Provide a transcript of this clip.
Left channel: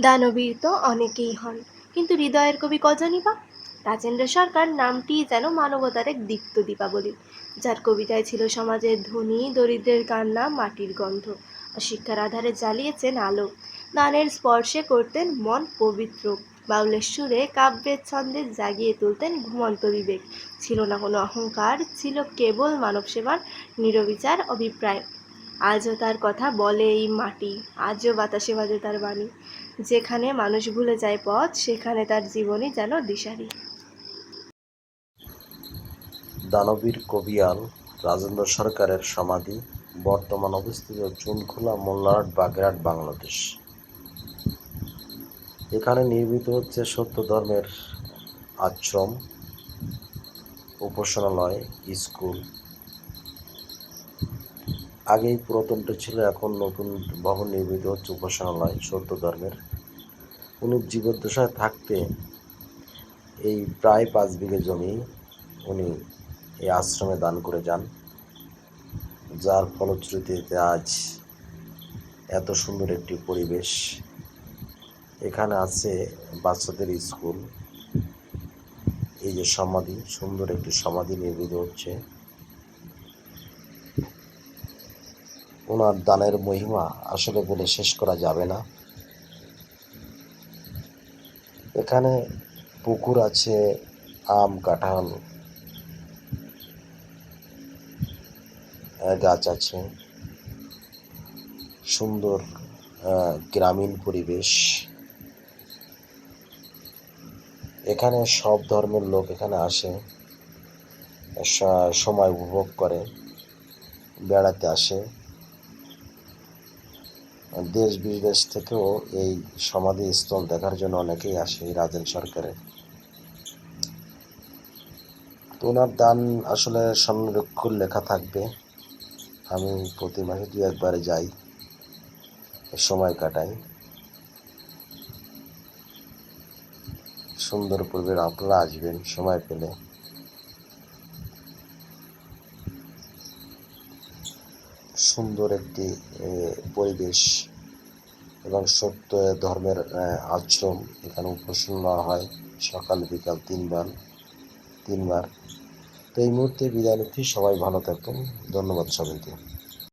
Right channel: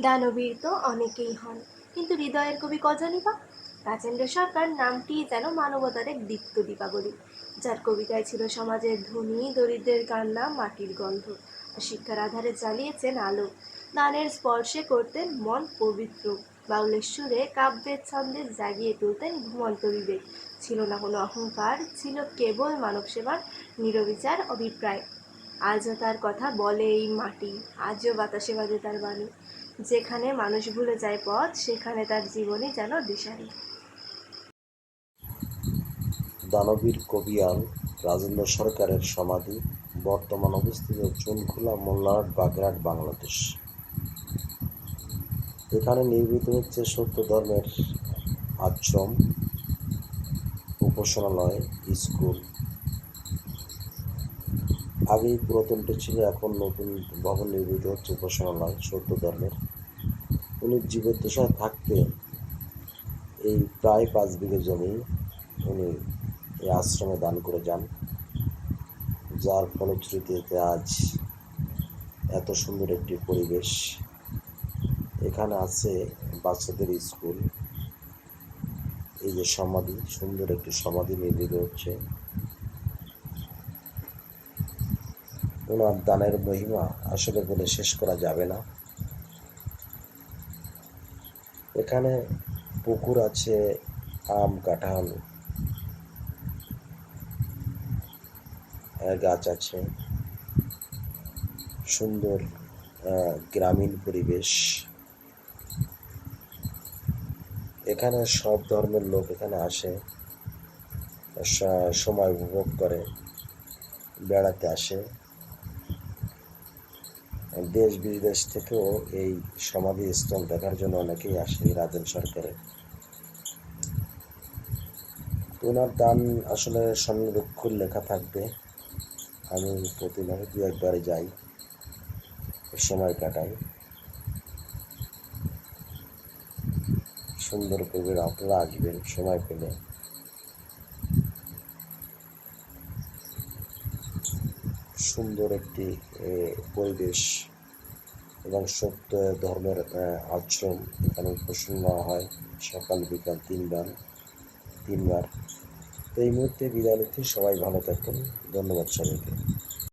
দানবীর তো অনেকেই হন। কিন্তু হৃদয়ের কবি কজনই বা? রাজেন্দ্র সরকার নামটি যেন মানবতার এক দীপ্ত দীপাবলি, যার কবিতায় ছিল সমাজের ধনী, দরিদ্রের কান্না, মাটির গন্ধ। আর শিক্ষার আধারে জ্বালিয়েছেন আলো। দানের স্পর্শে করতেন মন পবিত্র। বাউলের সুরে কাব্যের ছন্দে জাগিয়ে তুলতেন ঘুমন্ত বিবেক। ছিল না কোনো অহংকার, ছিল কেবল মানব সেবার নিরবিচার অভিপ্রায়। আজও তার কথা বলে এই মাটি, আজও বাতাসে বাজে তার বাণী। যেখানে মানুষ ভুলে যায় পথ, সেখানে তার জীবনই যেন দিশারি। দানবীর কবিয়াল, রাজেন্দ্র সরকারের সমাধি, বর্তমান অবস্থিত চুনখোলা মোল্লারহাট বাগেরহাট, বাংলাদেশ। এখানে নির্মিত হচ্ছে সত্য ধর্মের আশ্রম, উপাসনালয়, স্কুল আগেই পুরাতনটা ছিল, এখন নতুন ভবন নির্মিত হচ্ছে উপাসনালয় সত্য ধর্মের। উনি জীবদ্দশায় থাকতে এই প্রায় পাঁচ বিঘে জমি উনি এই আশ্রমে দান করে যান। যার ফলশ্রুতিতে আজ এত সুন্দর একটি পরিবেশ। এখানে আছে বাচ্চাদের স্কুল। এই যে সমাধি, সুন্দর একটি সমাধি নির্মিত হচ্ছে। ওনার দানের মহিমা আসলে বলে শেষ করা যাবে না। এখানে পুকুর আছে, আম, কাঁঠাল গাছ আছে। সুন্দর গ্রামীণ পরিবেশ। এখানে সব ধর্মের লোক এখানে আসে সময় উপভোগ করে, বেড়াতে আসে। দেশ বিদেশ থেকেও এই সমাধি স্থল দেখার জন্য অনেকেই আসে রাজেন সরকারের তো ওনার দান আসলে সংরক্ষণ লেখা থাকবে। আমি প্রতি মাসে দু একবারে যাই। সময় কাটাই। সুন্দর পরিবেশ, আপনারা আসবেন, সময় পেলে। সুন্দর একটি পরিবেশ। এবং সত্য ধর্মের আশ্রম এখানে উপাসনা হয়। সকাল, বিকাল তিনবার তিনবার। তো এই মুহূর্তে বিদায় নিচ্ছি। সবাই ভালো থাকবেন ধন্যবাদ সবাইকে।